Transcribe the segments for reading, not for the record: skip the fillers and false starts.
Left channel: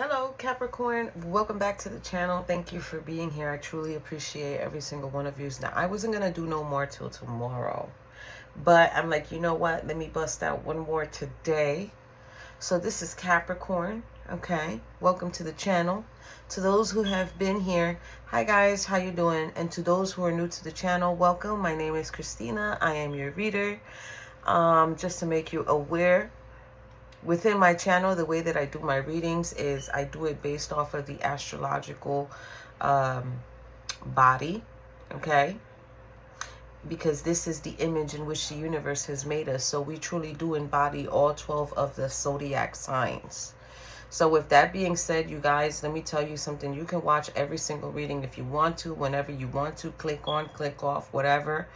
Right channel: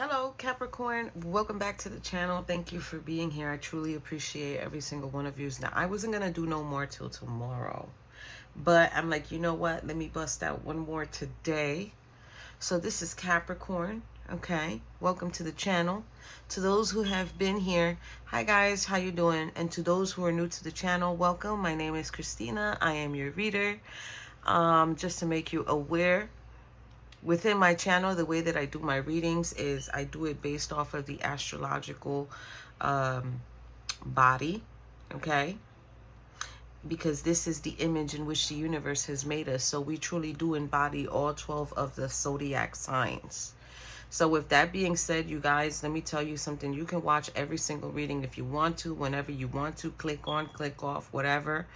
Hello Capricorn, welcome back to the channel. Thank you for being here. I truly appreciate every single one of you. Now I wasn't gonna do no more till tomorrow, but I'm like, you know what, let me bust out one more today. So this is Capricorn. Okay, welcome to the channel. To those who have been here, hi guys, how you doing? And to those who are new to the channel, welcome. My name is Christina. I am your reader. Just to make you aware, within my channel, the way that I do my readings is I do it based off of the astrological body, okay? Because this is the image in which the universe has made us. So we truly do embody all 12 of the zodiac signs. So with that being said, you guys, let me tell you something. You can watch every single reading if you want to, whenever you want to. Click on, click off, whatever.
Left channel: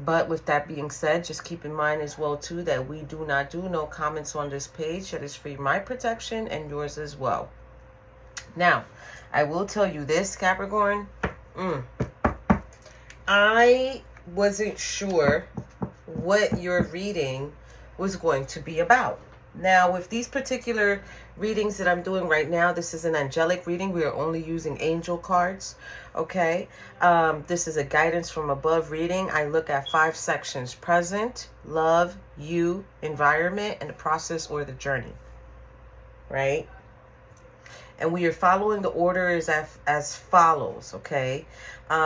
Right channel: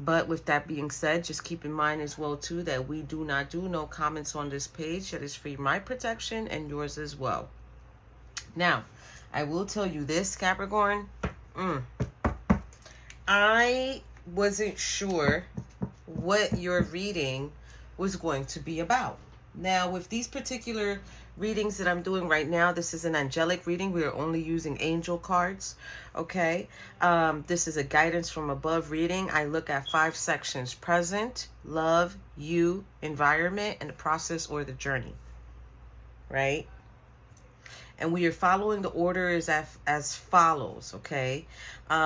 But with that being said, just keep in mind as well, too, that we do not do no comments on this page. That is for my protection and yours as well. Now, I will tell you this, Capricorn. I wasn't sure what your reading was going to be about. Now, with these particular readings that I'm doing right now, this is an angelic reading. We are only using angel cards, okay? This is a guidance from above reading. I look at 5 sections: present, love, you, environment, and the process or the journey, right? And we are following the order as follows, okay?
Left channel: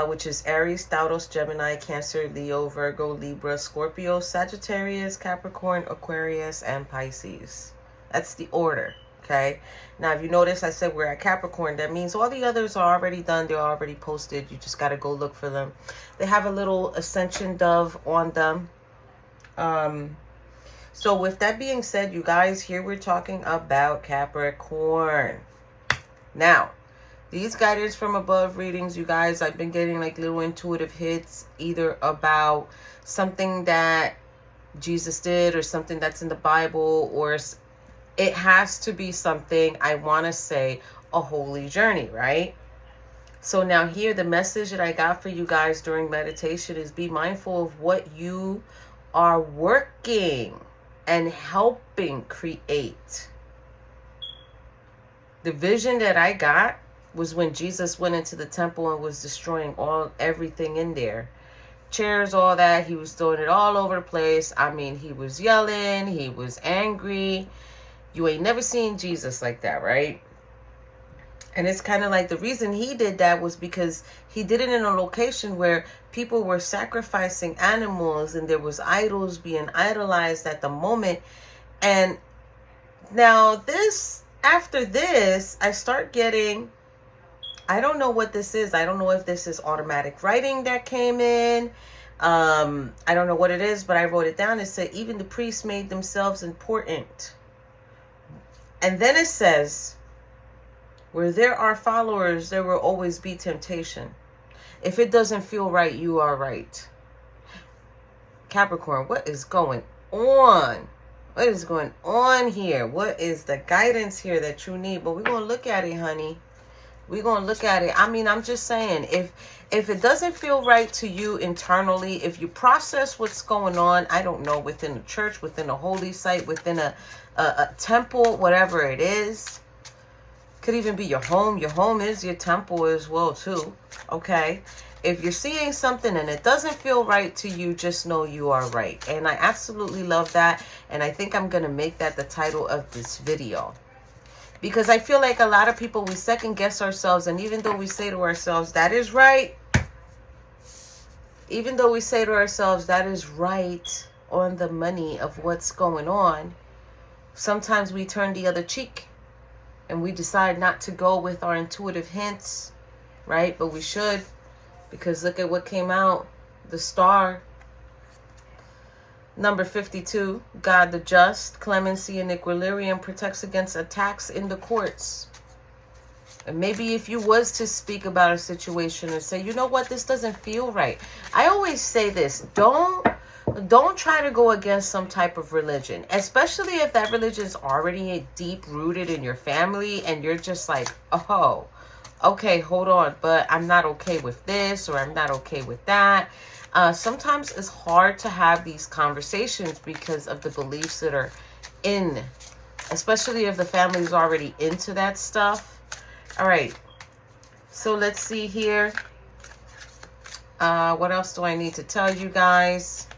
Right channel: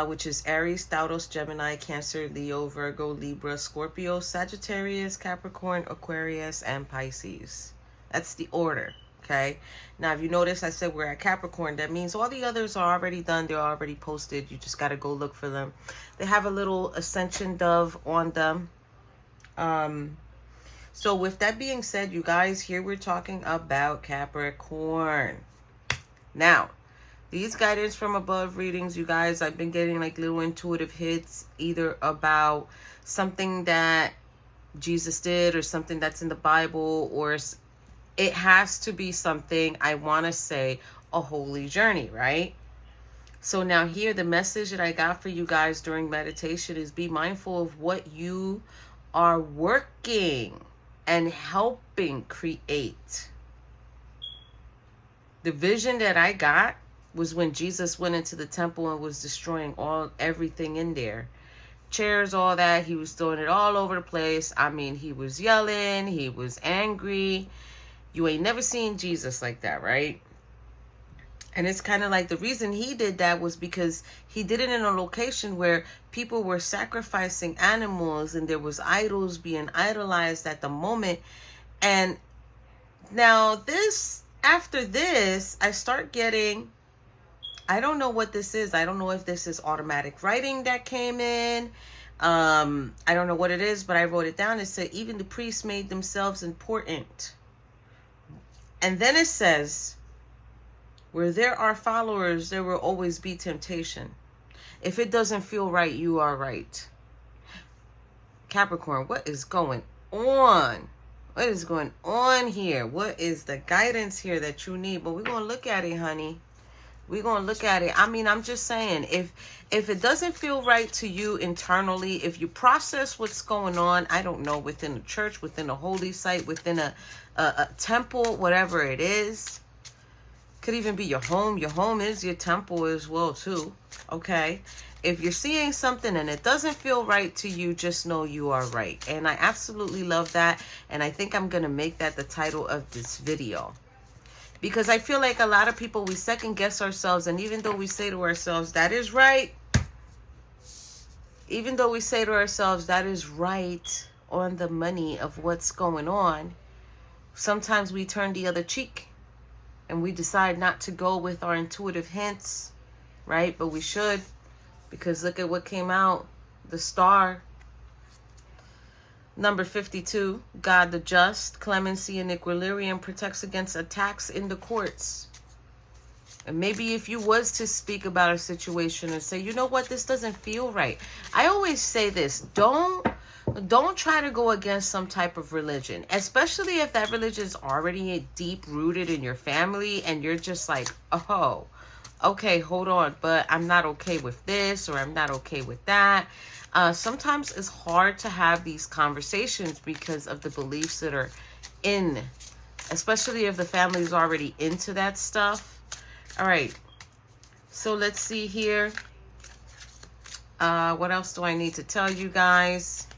Which is Aries, Taurus, Gemini, Cancer, Leo, Virgo, Libra, Scorpio, Sagittarius, Capricorn, Aquarius, and Pisces. That's the order, okay? Now, if you notice, I said we're at Capricorn. That means all the others are already done. They're already posted. You just got to go look for them. They have a little ascension dove on them. So with that being said, you guys, here we're talking about Capricorn. Now, these guidance from above readings, you guys, I've been getting like little intuitive hits, either about something that Jesus did or something that's in the Bible, or it has to be something, I want to say, a holy journey, right? So now here, the message that I got for you guys during meditation is be mindful of what you are working and helping create. The vision that I got was when Jesus went into the temple and was destroying everything in there. Chairs, all that. He was throwing it all over the place. I mean, he was yelling. He was angry. You ain't never seen Jesus like that, right? And it's kind of like the reason he did that was because he did it in a location where people were sacrificing animals and there was idols being idolized at the moment. And now after this, I start getting, I don't know what this is. I don't know if this is automatic writing that came in. I don't know what it is, but I wrote it down. It said, even the priests made themselves important. And then it says, where there are followers, there will always be temptation. If it doesn't feel right, you are right. Capricorn, what is going on? What is going on here? What is the guidance here that you need? But we're going to look at it, honey. We're going to look at it. I mean, I'm just saying, if it doesn't feel right to you internally, if you process what's going on, I don't know, within a church, within a holy site, within a temple, whatever it is, could even be your home. Your home is your temple as well, too. Okay? If you're seeing something and it doesn't feel right to you, just know you are right. And I absolutely love that. And I think I'm going to make that the title of this video. Because I feel like a lot of people, we second guess ourselves. And even though we say to ourselves, that is right. Even though we say to ourselves, that is right on the money of what's going on. Sometimes we turn the other cheek. And we decide not to go with our intuitive hints. Right? But we should. Because look at what came out. The star. Number 52. God the just. Clemency and equilibrium protects against attacks in the courts. And maybe if you was to speak about a situation and say, you know what, this doesn't feel right. I always say this. Don't try to go against some type of religion. Especially if that religion is already deep rooted in your family. And you're just like, oh, okay, hold on, but I'm not okay with this, or I'm not okay with that. Sometimes it's hard to have these conversations because of the beliefs that are in especially if the family is already into that stuff. All right. So let's see here. What else do I need to tell you guys?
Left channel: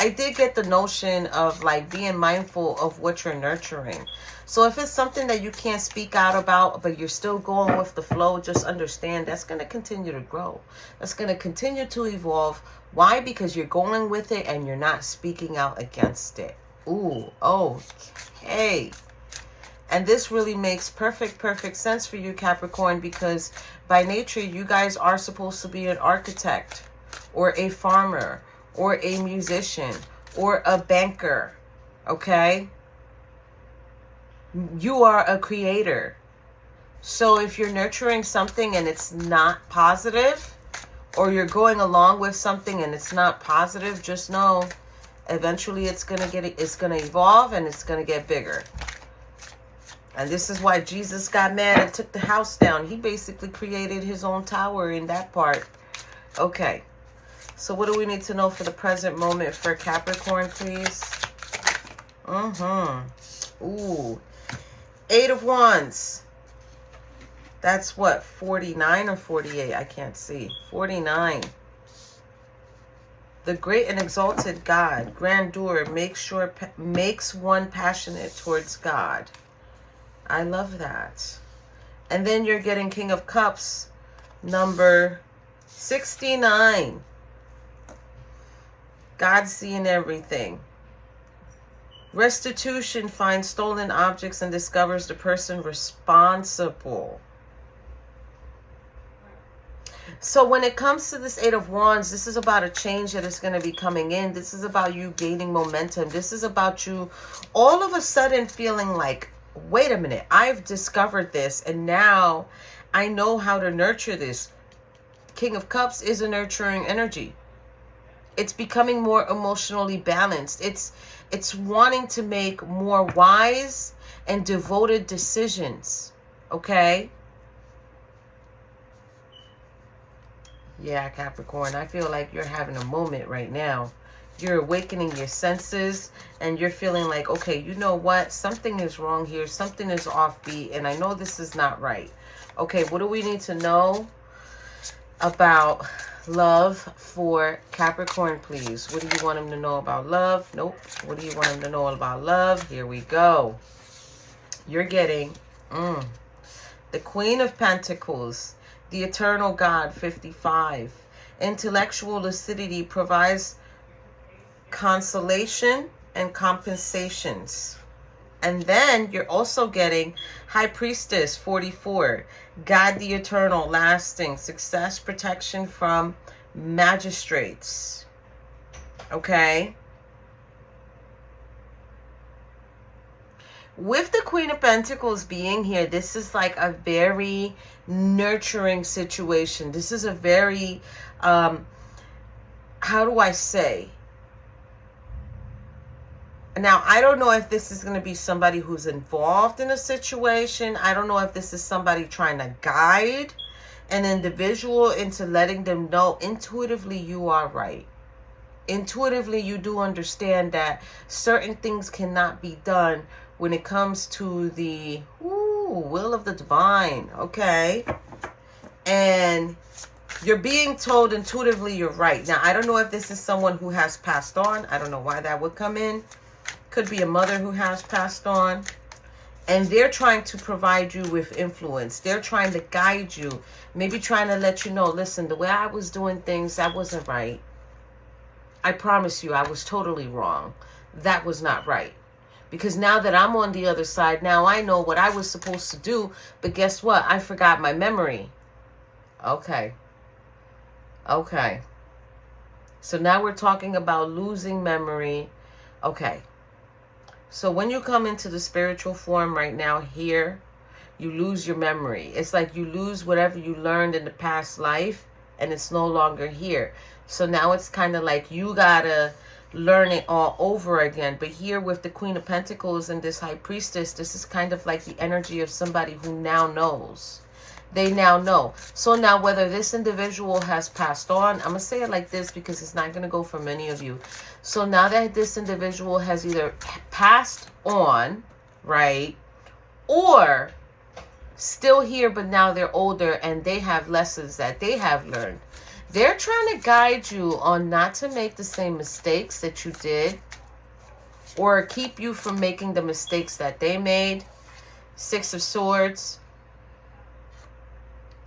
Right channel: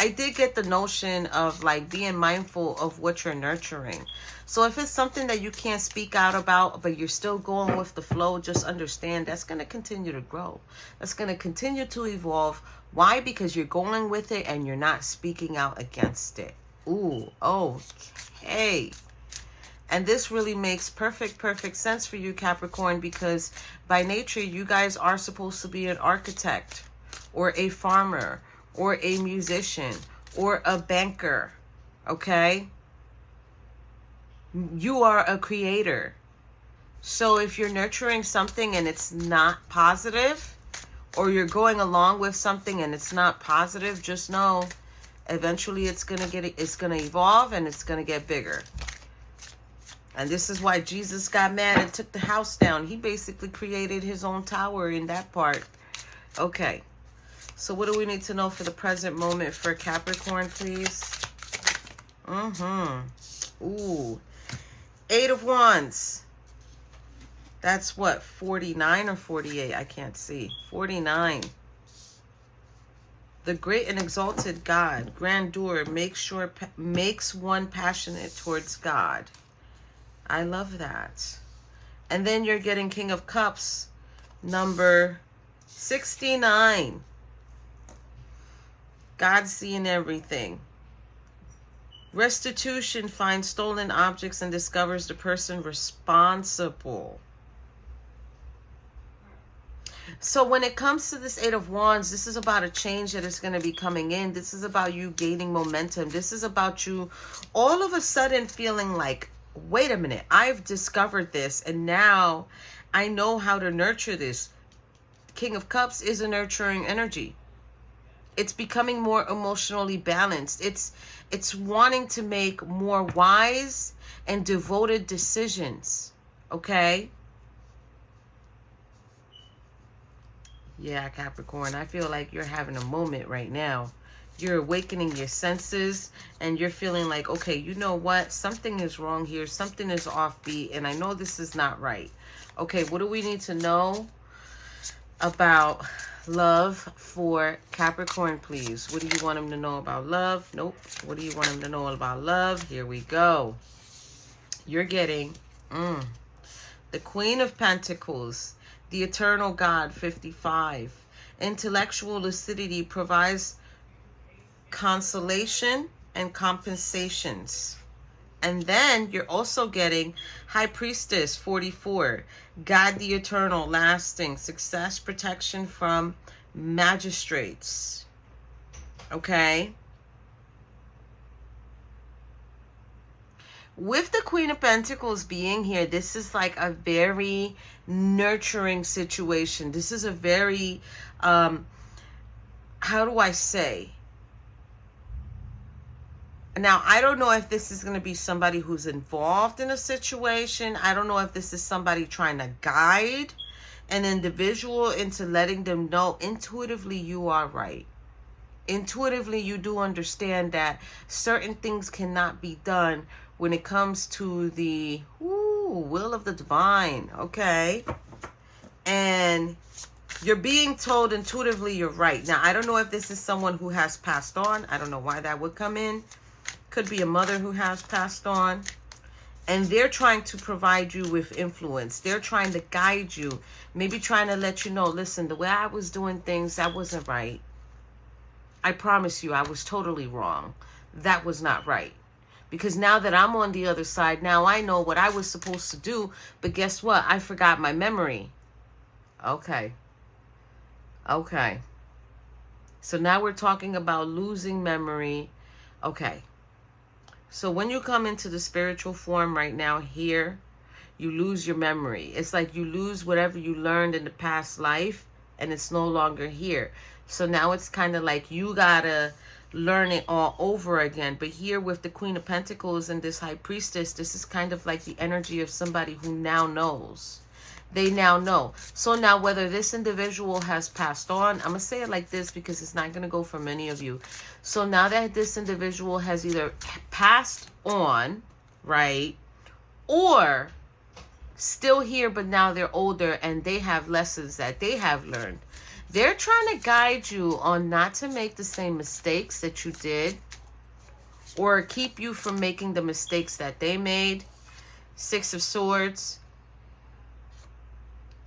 I did get the notion of like being mindful of what you're nurturing. So if it's something that you can't speak out about, but you're still going with the flow, just understand that's going to continue to grow. That's going to continue to evolve. Why? Because you're going with it and you're not speaking out against it. Ooh, okay. And this really makes perfect sense for you, Capricorn, because by nature, you guys are supposed to be an architect or a farmer or a musician or a banker, okay? You are a creator. So if you're nurturing something and it's not positive, or you're going along with something and it's not positive, just know eventually it's gonna evolve and it's gonna get bigger. And this is why Jesus got mad and took the house down. He basically created his own tower in that part. Okay. So what do we need to know for the present moment for Capricorn, please? Ooh. 8 of Wands. That's what, 49 or 48? I can't see. 49. The great and exalted God, grandeur, makes one passionate towards God. I love that. And then you're getting King of Cups, number 69. God seeing everything. Restitution finds stolen objects and discovers the person responsible. So when it comes to this 8 of Wands, this is about a change that is going to be coming in. This is about you gaining momentum. This is about you all of a sudden feeling like, wait a minute, I've discovered this and now I know how to nurture this. King of Cups is a nurturing energy. It's becoming more emotionally balanced. It's wanting to make more wise and devoted decisions. Okay? Yeah, Capricorn, I feel like you're having a moment right now. You're awakening your senses and you're feeling like, okay, you know what? Something is wrong here. Something is offbeat and I know this is not right. Okay, what do we need to know about love for Capricorn, please? What do you want him to know about love? Nope. What do you want him to know about love? Here we go. You're getting the Queen of Pentacles, the Eternal God, 55. Intellectual lucidity provides consolation and compensations. And then you're also getting High Priestess, 44. God the Eternal, lasting, success, protection from magistrates. Okay? With the Queen of Pentacles being here, this is like a very nurturing situation. This is a very, how do I say? Now, I don't know if this is going to be somebody who's involved in a situation. I don't know if this is somebody trying to guide an individual into letting them know intuitively you are right. Intuitively, you do understand that certain things cannot be done when it comes to the will of the divine. Okay? And you're being told intuitively you're right. Now, I don't know if this is someone who has passed on. I don't know why that would come in. Could be a mother who has passed on. And they're trying to provide you with influence. They're trying to guide you. Maybe trying to let you know, listen, the way I was doing things, that wasn't right. I promise you, I was totally wrong. That was not right. Because now that I'm on the other side, now I know what I was supposed to do. But guess what? I forgot my memory. Okay. Okay. So now we're talking about losing memory. Okay. So when you come into the spiritual form right now here, you lose your memory. It's like you lose whatever you learned in the past life and it's no longer here. So now it's kind of like you gotta learn it all over again. But here with the Queen of Pentacles and this High Priestess, this is kind of like the energy of somebody who now knows. They now know. So now whether this individual has passed on, I'm going to say it like this because it's not going to go for many of you. So now that this individual has either passed on, right, or still here, but now they're older and they have lessons that they have learned. They're trying to guide you on not to make the same mistakes that you did, or keep you from making the mistakes that they made. 6 of Swords.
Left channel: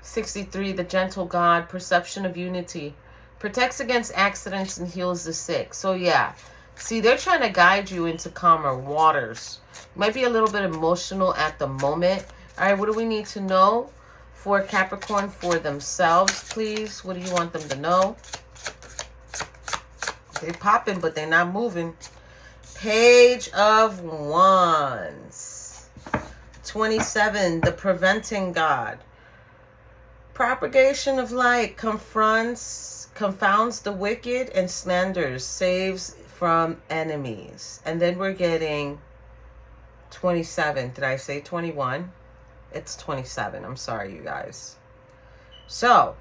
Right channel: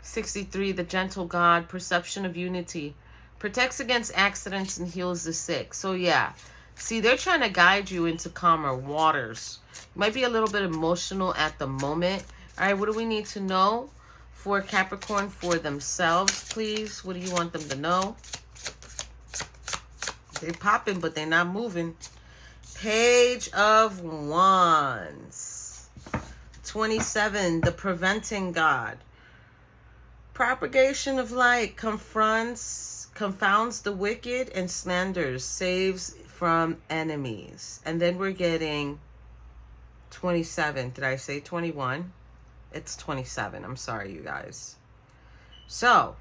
63, the gentle God, perception of unity. Protects against accidents and heals the sick. So yeah, see, they're trying to guide you into calmer waters. Might be a little bit emotional at the moment. All right, what do we need to know for Capricorn for themselves, please? What do you want them to know? They're popping, but they're not moving. Page of Wands. 27, the preventing God. Propagation of light confounds the wicked and slanders, saves from enemies. And then we're getting 27. Did I say 21? It's 27. I'm sorry, you guys. So,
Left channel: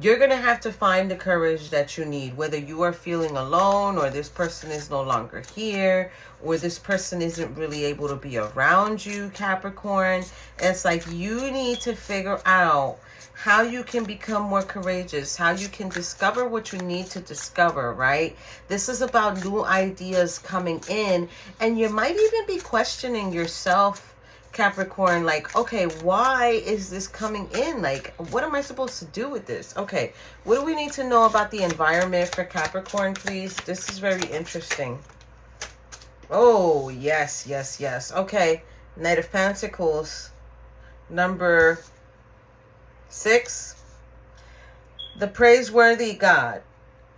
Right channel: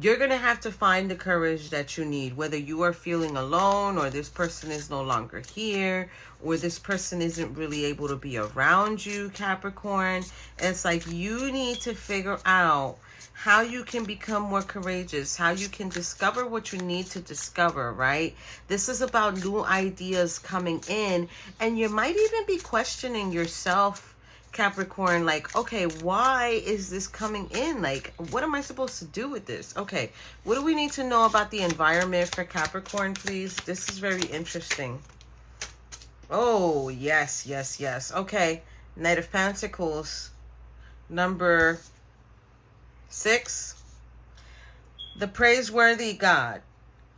you're going to have to find the courage that you need, whether you are feeling alone, or this person is no longer here, or this person isn't really able to be around you, Capricorn. It's like you need to figure out how you can become more courageous, how you can discover what you need to discover, right? This is about new ideas coming in, and you might even be questioning yourself, Capricorn, like, okay, why is this coming in? Like, what am I supposed to do with this? Okay, what do we need to know about the environment for Capricorn, please? This is very interesting. Oh, yes, yes, yes. Okay, Knight of Pentacles, number 6. The praiseworthy God.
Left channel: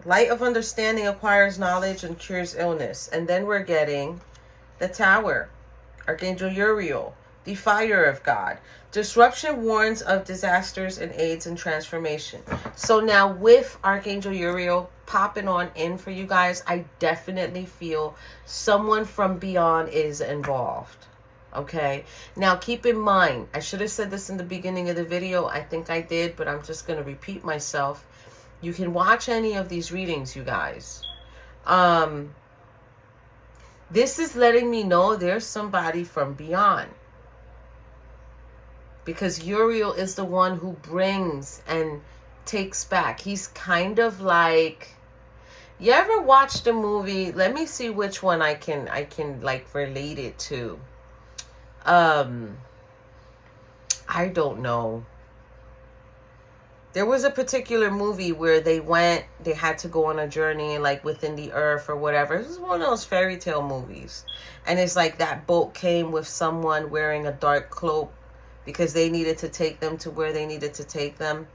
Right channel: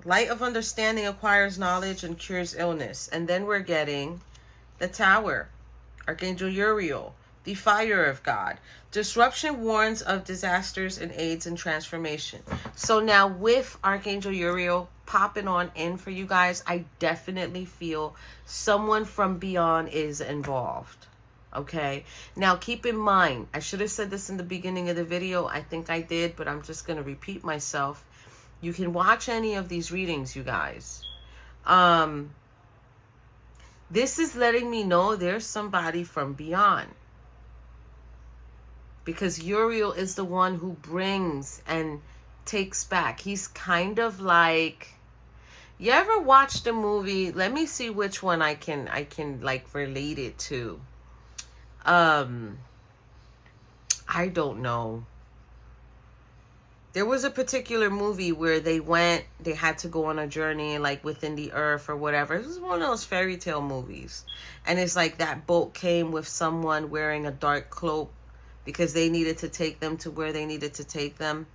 Light of understanding acquires knowledge and cures illness. And then we're getting the Tower. Archangel Uriel. The fire of God. Disruption warns of disasters and aids in transformation. So now with Archangel Uriel popping on in for you guys, I definitely feel someone from beyond is involved. Okay, now keep in mind, I should have said this in the beginning of the video. I think I did, but I'm just going to repeat myself. You can watch any of these readings, you guys. This is letting me know there's somebody from beyond. Because Uriel is the one who brings and takes back. He's kind of like, you ever watched a movie? Let me see which one I can like relate it to. I don't know. There was a particular movie where they had to go on a journey, like within the earth or whatever. This is one of those fairy tale movies. And it's like that boat came with someone wearing a dark cloak because they needed to take them to where they needed to take them.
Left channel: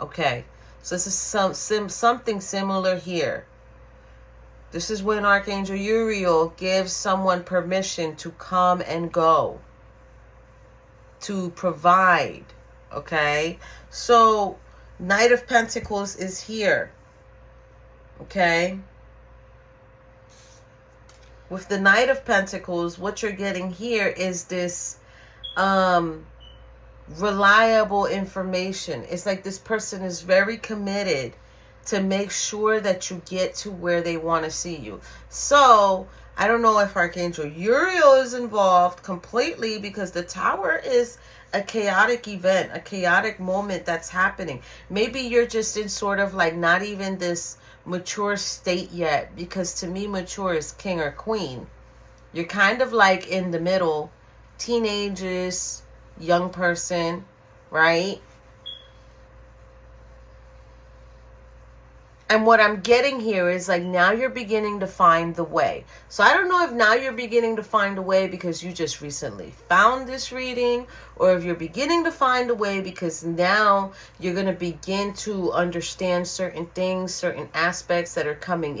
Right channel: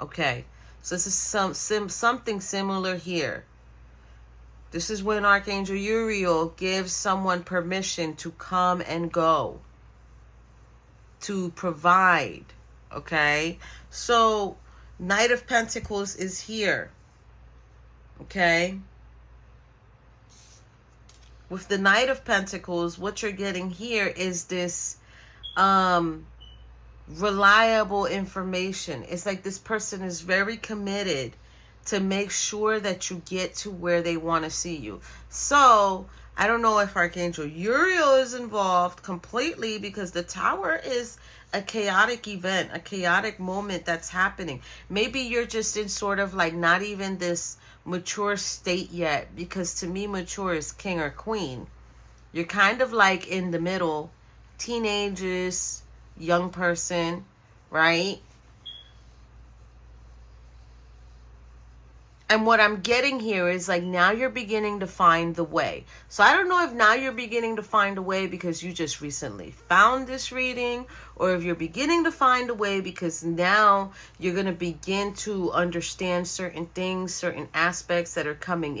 Okay, so this is something similar here. This is when Archangel Uriel gives someone permission to come and go, to provide. Okay, so Knight of Pentacles is here. Okay, with the Knight of Pentacles, what you're getting here is this reliable information. It's like this person is very committed to make sure that you get to where they want to see you. So I don't know if Archangel Uriel is involved completely, because the Tower is a chaotic event, a chaotic moment that's happening. Maybe you're just in sort of like not even this mature state yet, because to me mature is king or queen. You're kind of like in the middle, teenagers, young person, right? And what I'm getting here is like now you're beginning to find the way. So I don't know if now you're beginning to find a way because you just recently found this reading, or if you're beginning to find a way because now you're going to begin to understand certain things, certain aspects that are coming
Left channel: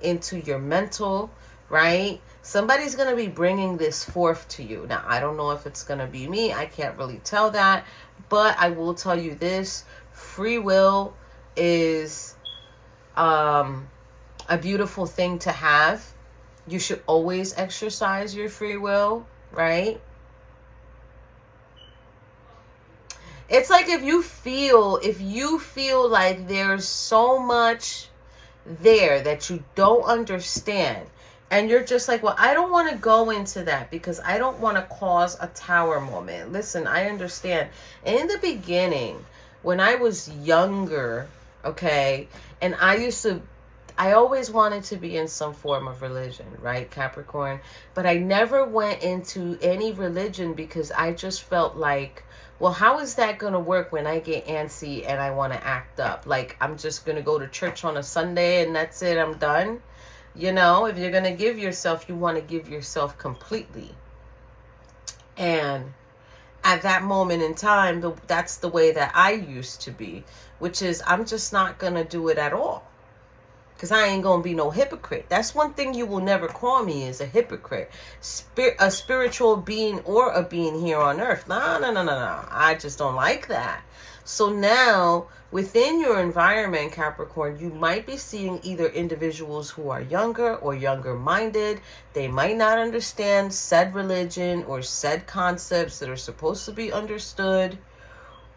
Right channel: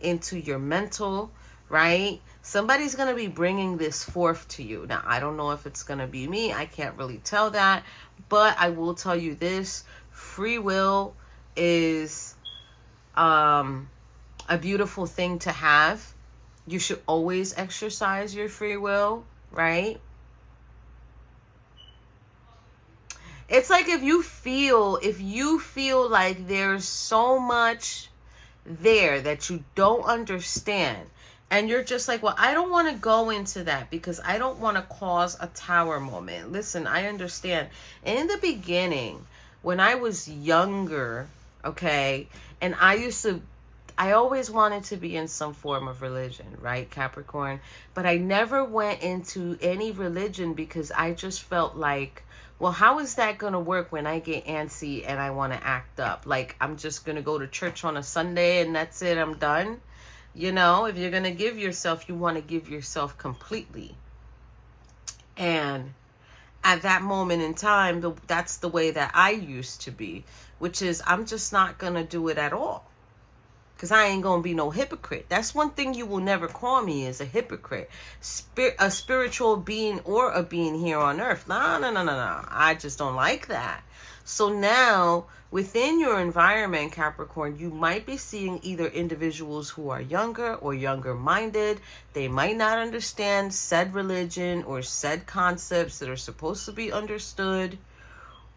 into your mental, right? Somebody's going to be bringing this forth to you. Now, I don't know if it's going to be me. I can't really tell that. But I will tell you this. Free will is a beautiful thing to have. You should always exercise your free will, right? It's like if you feel like there's so much there that you don't understand, and you're just like, well, I don't want to go into that because I don't want to cause a tower moment. Listen, I understand. In the beginning, when I was younger, okay, and I always wanted to be in some form of religion, right, Capricorn? But I never went into any religion because I just felt like, well, how is that going to work when I get antsy and I want to act up? Like, I'm just going to go to church on a Sunday and that's it, I'm done. You know, if you're going to give yourself, you want to give yourself completely. And at that moment in time, that's the way that I used to be, which is I'm just not going to do it at all. Because I ain't going to be no hypocrite. That's one thing you will never call me, is a hypocrite. A spiritual being or a being here on earth. No. I just don't like that. So now, within your environment, Capricorn, you might be seeing either individuals who are younger or younger minded. They might not understand said religion or said concepts that are supposed to be understood.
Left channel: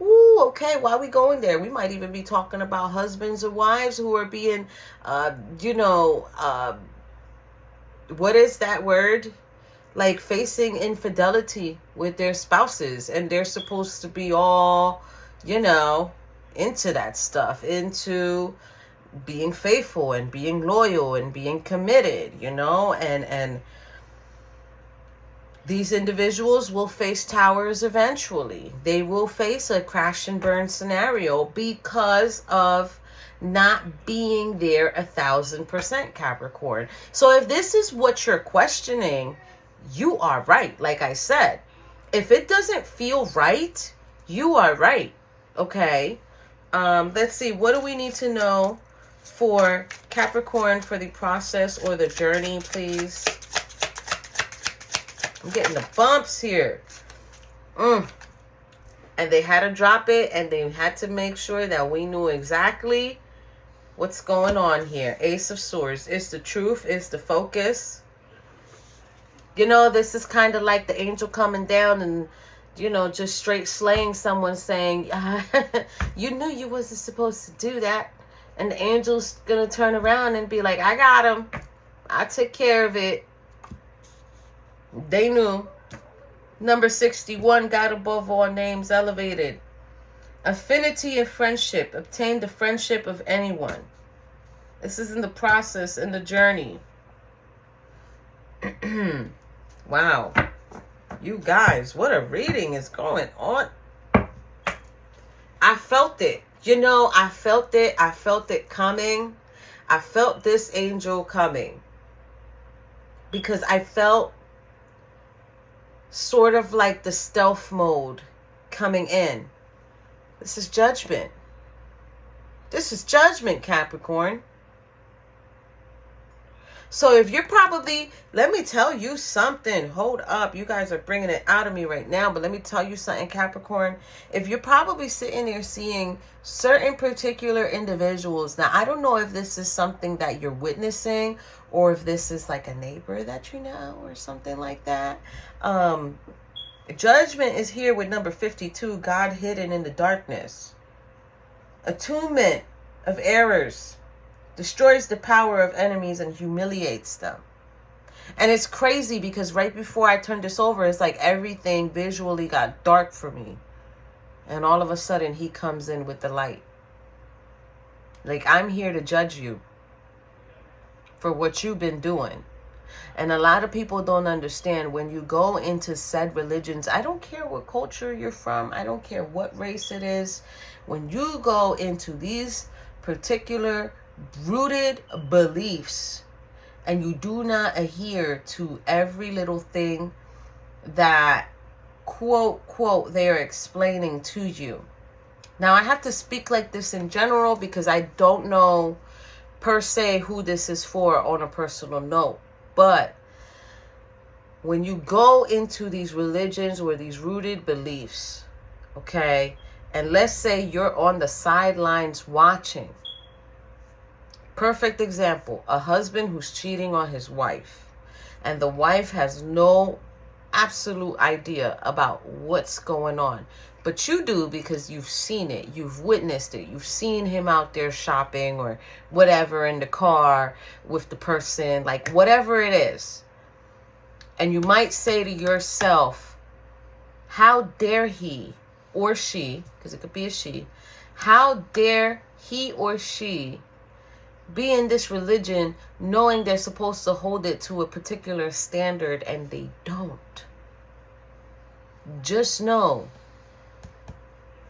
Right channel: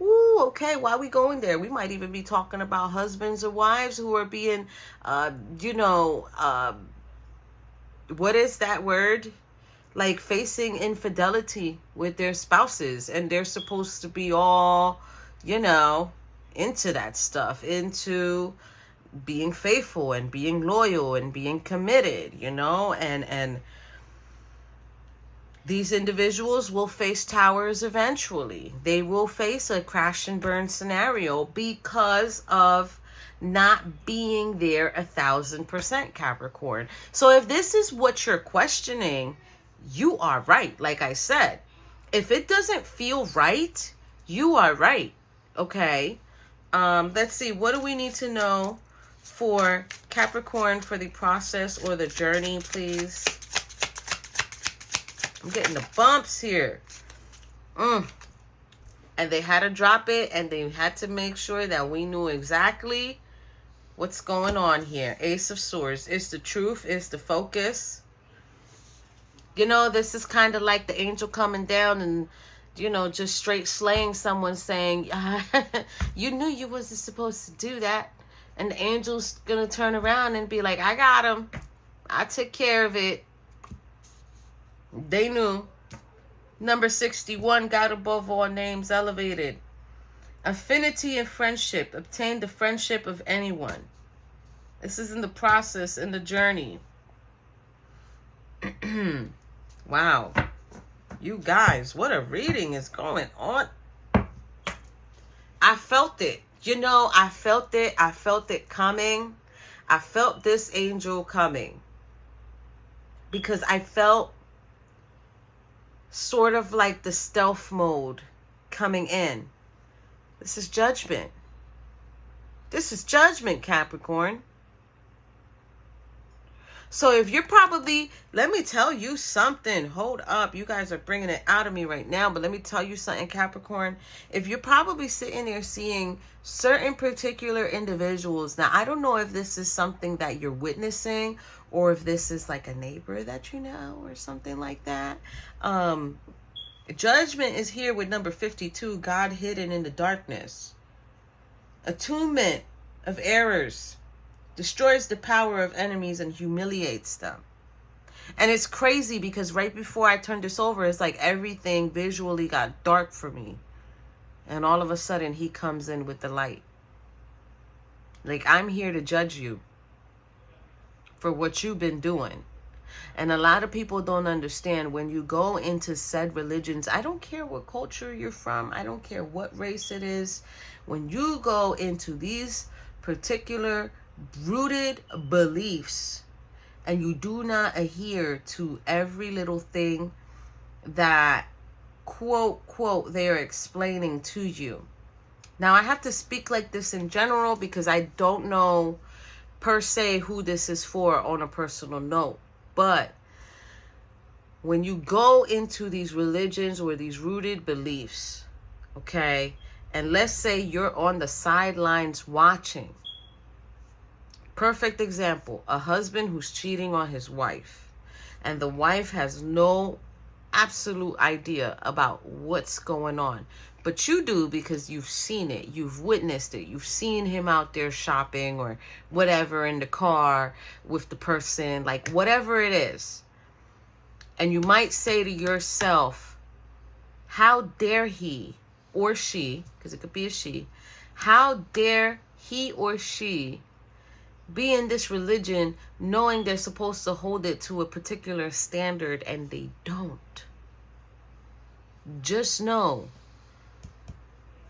Ooh, okay, why are we going there? We might even be talking about husbands or wives who are being, what is that word? Like facing infidelity with their spouses, and they're supposed to be all, into that stuff, into being faithful and being loyal and being committed, and these individuals will face towers eventually. They will face a crash and burn scenario because of not being there 1,000%, Capricorn. So if this is what you're questioning, you are right. Like I said, if it doesn't feel right, you are right. Okay. Let's see. What do we need to know for Capricorn for the process or the journey, please? I'm getting the bumps here. And they had to drop it, and they had to make sure that we knew exactly what's going on here. Ace of Swords. It's the truth. It's the focus. This is kind of like the angel coming down and, just straight slaying someone, saying, you knew you wasn't supposed to do that. And the angel's going to turn around and be like, I got him. I took care of it. They knew. Number 61, God above all names, elevated. Affinity and friendship. Obtain the friendship of anyone. This is in the process, in the journey. Wow. You guys, what a reading is going on. I felt it. I felt it. I felt it coming. I felt this angel coming. Because I felt sort of like the stealth mode coming in. This is judgment. This is judgment, Capricorn. So if you're probably, let me tell you something. Hold up. You guys are bringing it out of me right now. But let me tell you something, Capricorn. If you're probably sitting there seeing certain particular individuals. Now, I don't know if this is something that you're witnessing or if this is like a neighbor that you know or something like that. Judgment is here with number 52. God hidden in the darkness. Attunement of errors. Destroys the power of enemies and humiliates them. And it's crazy because right before I turned this over, it's like everything visually got dark for me. And all of a sudden, he comes in with the light. Like, I'm here to judge you for what you've been doing. And a lot of people don't understand when you go into said religions. I don't care what culture you're from. I don't care what race it is. When you go into these particular rooted beliefs and you do not adhere to every little thing that quote they're explaining to you. Now, I have to speak like this in general because I don't know per se who this is for on a personal note. But when you go into these religions or these rooted beliefs, okay, and let's say you're on the sidelines watching. Perfect example, a husband who's cheating on his wife, and the wife has no absolute idea about what's going on. But you do because you've seen it. You've witnessed it. You've seen him out there shopping or whatever in the car with the person, like whatever it is. And you might say to yourself, how dare he or she, because it could be a she, how dare he or she be in this religion knowing they're supposed to hold it to a particular standard and they don't. Just know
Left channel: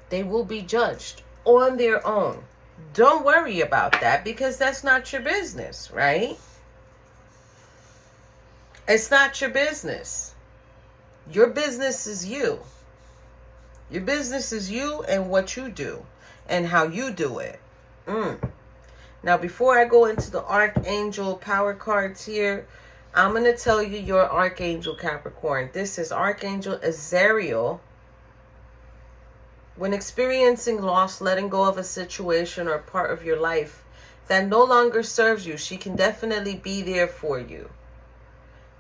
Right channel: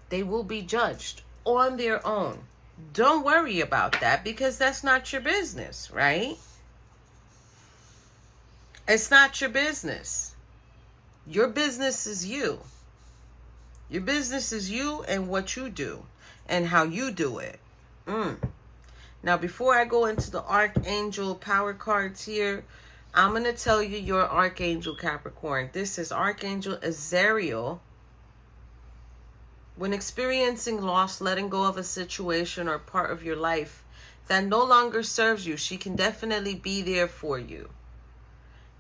they will be judged on their own. Don't worry about that because that's not your business, right? It's not your business. Your business is you. Your business is you and what you do and how you do it. Now, before I go into the Archangel power cards here, I'm going to tell you your Archangel Capricorn. This is Archangel Azrael. When experiencing loss, letting go of a situation or part of your life that no longer serves you, she can definitely be there for you.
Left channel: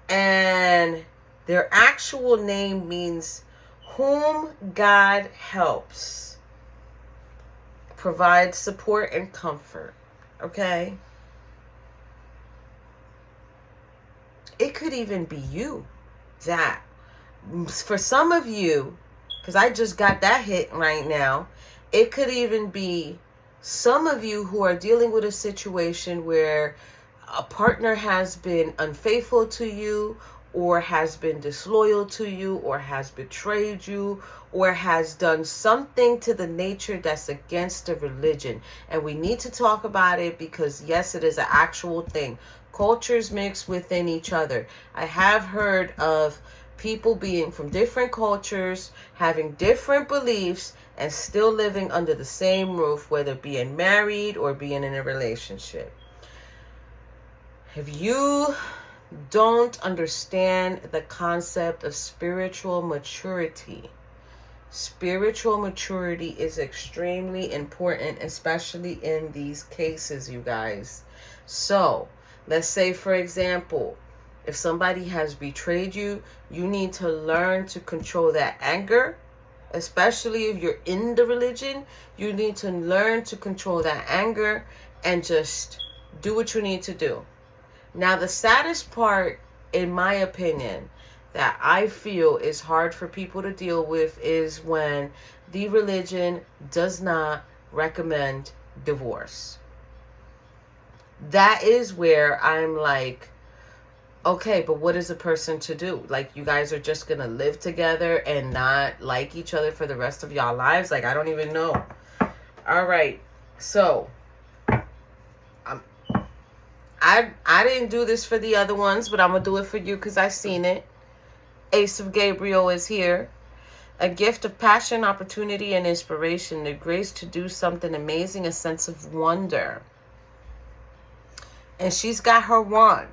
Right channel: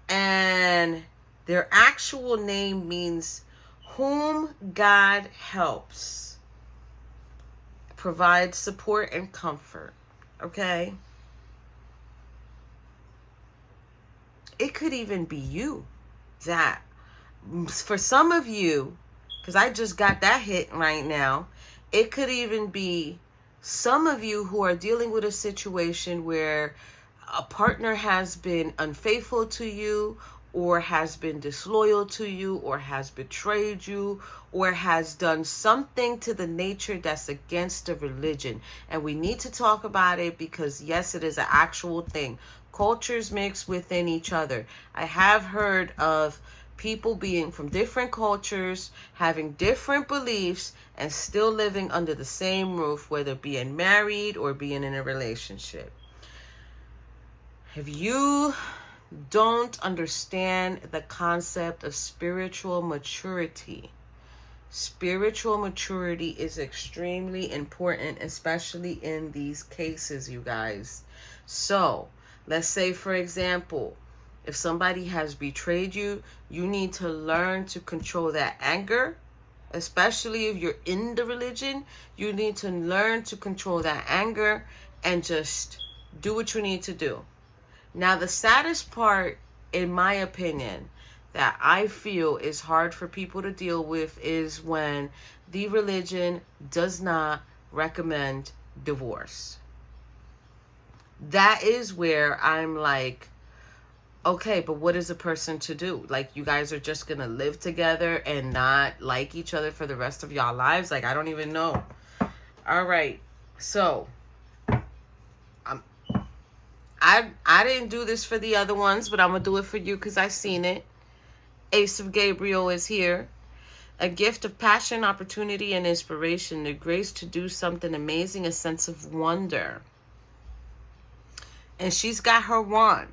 And their actual name means whom God helps, provides support and comfort. Okay? It could even be you. That, for some of you, because I just got that hit right now, it could even be some of you who are dealing with a situation where a partner has been unfaithful to you, or has been disloyal to you, or has betrayed you, or has done something to the nature that's against the religion. And we need to talk about it because, yes, it is an actual thing. Cultures mix within each other. I have heard of people being from different cultures, having different beliefs, and still living under the same roof, whether being married or being in a relationship. If you don't understand the concept of spiritual maturity is extremely important, especially in these cases, you guys. So, let's say, for example, if somebody has betrayed you, you need to learn to control that anger. Especially if you're in the religion, you need to learn to control that anger and just do what you need to do. Now, the saddest part, in my opinion, that I feel is hard for people to deal with is when the religion does not recommend divorce. That is where I'm like, okay, but what is a person to do? Like, you guys are just going to live together and not like each other for the rest of y'all lives? Like, I don't even know. All right. So, I didn't do this for the other ones, but I'm going to do it for you because I've seen it. Ace of Gabriel is here. A gift of passion, opportunity, and inspiration. The grace to do something amazing, a sense of wonder. And she's got her wand.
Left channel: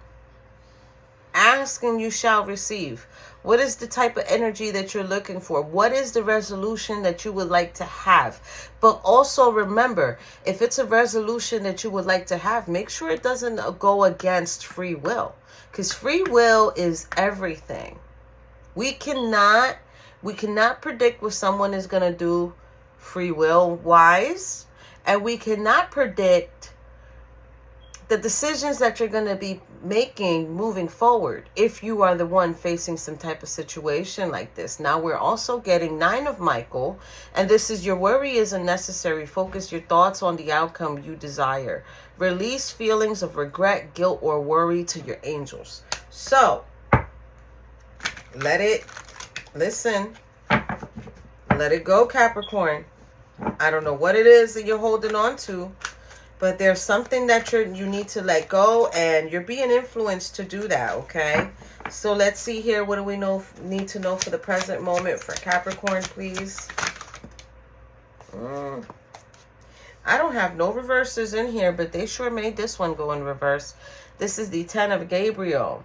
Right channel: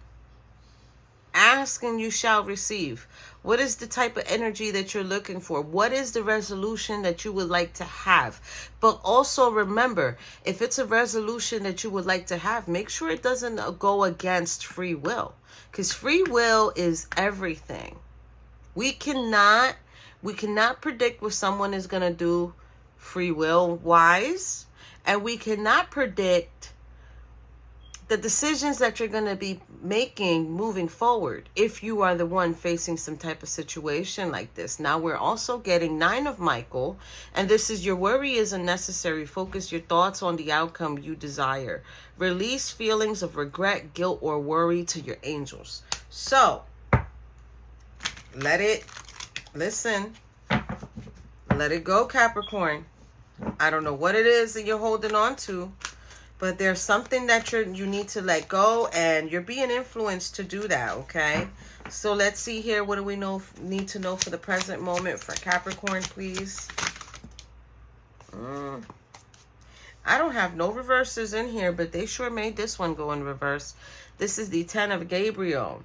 Ask and you shall receive. What is the type of energy that you're looking for? What is the resolution that you would like to have? But also remember, if it's a resolution that you would like to have, make sure it doesn't go against free will. Because free will is everything. We cannot predict what someone is going to do free will wise. And we cannot predict the decisions that you're going to be making moving forward if you are the one facing some type of situation like this. Now, we're also getting 9 of Michael, and this is your worry is unnecessary. Focus your thoughts on the outcome you desire. Release feelings of regret, guilt, or worry to your angels. So, let it go, Capricorn. I don't know what it is that you're holding on to, but there's something that you need to let go, and you're being influenced to do that, okay? So let's see here. What do we need to know for the present moment for Capricorn, please? I don't have no reverses in here, but they sure made this one go in reverse. This is the 10 of Gabriel.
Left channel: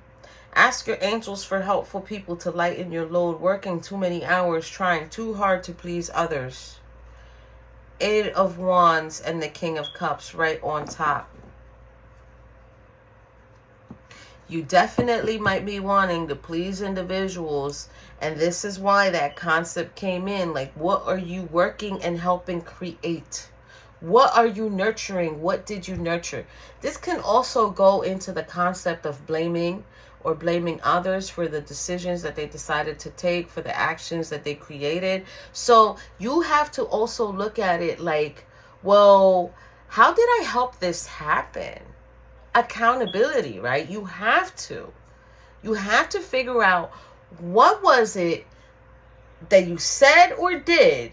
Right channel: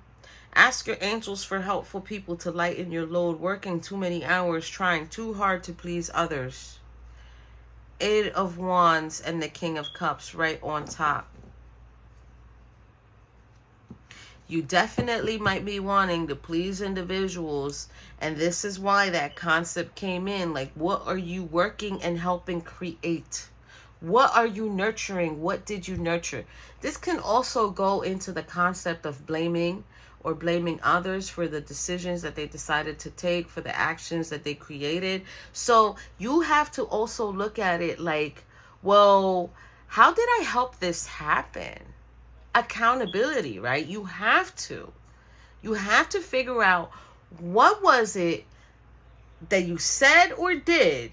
Ask your angels for helpful people to lighten your load, working too many hours, trying too hard to please others. 8 of Wands and the King of Cups right on top. You definitely might be wanting to please individuals, and this is why that concept came in. Like, what are you working and helping create? What are you nurturing? What did you nurture? This can also go into the concept of blaming or blaming others for the decisions that they decided to take, for the actions that they created. So you have to also look at it like, well, how did I help this happen? Accountability, right? You have to figure out, what was it that you said or did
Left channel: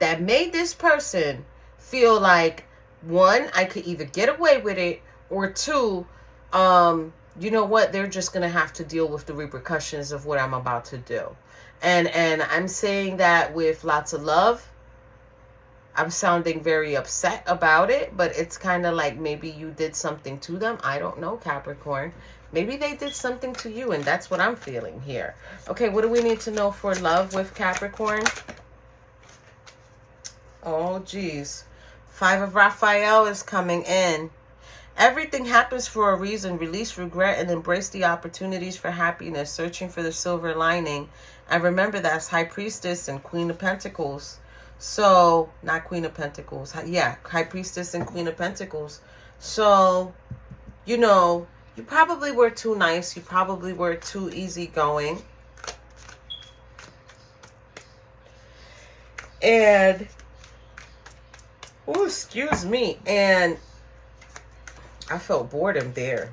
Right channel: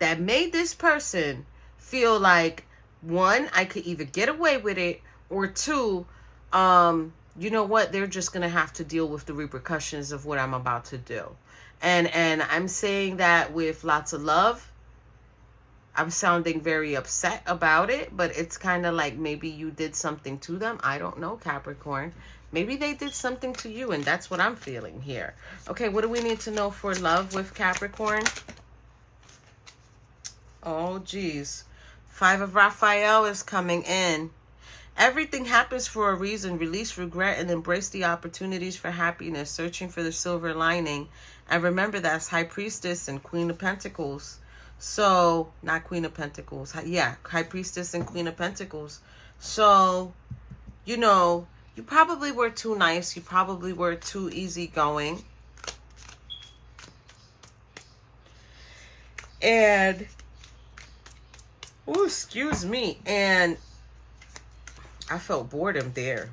that made this person feel like, one, I could either get away with it, or two, you know what, they're just going to have to deal with the repercussions of what I'm about to do. And I'm saying that with lots of love. I'm sounding very upset about it, but it's kind of like maybe you did something to them. I don't know, Capricorn. Maybe they did something to you, and that's what I'm feeling here. Okay, what do we need to know for love with Capricorn? Oh, geez. 5 of Raphael is coming in. Everything happens for a reason. Release regret and embrace the opportunities for happiness. Searching for the silver lining. And remember, that's High Priestess and Queen of Pentacles. So, not Queen of Pentacles. Yeah, High Priestess and Queen of Pentacles. So, you know, you probably were too nice. You probably were too easygoing. And, oh, excuse me. And I felt boredom there.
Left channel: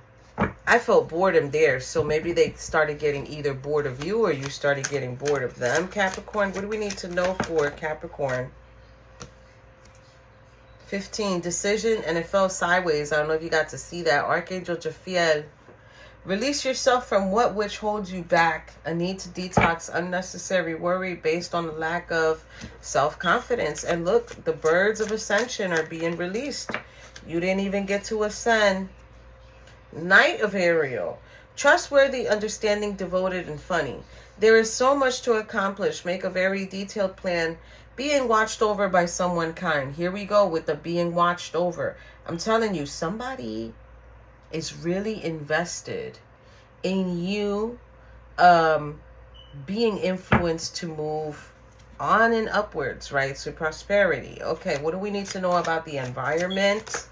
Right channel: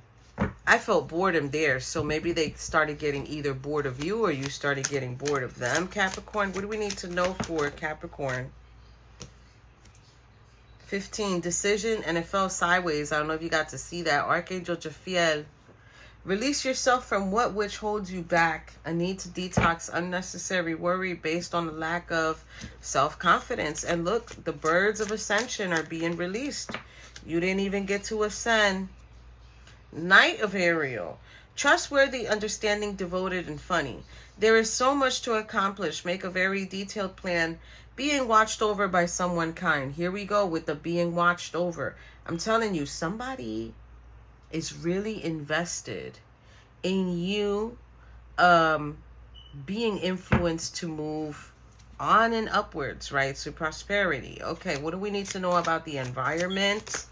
I felt boredom there. So maybe they started getting either bored of you or you started getting bored of them, Capricorn. What do we need to know for Capricorn? 15, decision, and it fell sideways. I don't know if you got to see that. Archangel Jophiel. Release yourself from what which holds you back. A need to detox unnecessary worry based on the lack of self-confidence. And look, the birds of ascension are being released. You didn't even get to ascend. Knight of Ariel. Trustworthy, understanding, devoted, and funny. There is so much to accomplish. Make a very detailed plan. Being watched over by someone kind. Here we go with the being watched over. I'm telling you, somebody is really invested in you being influenced to move on and upwards, right? So prosperity. Okay, what do we need to know about the environment?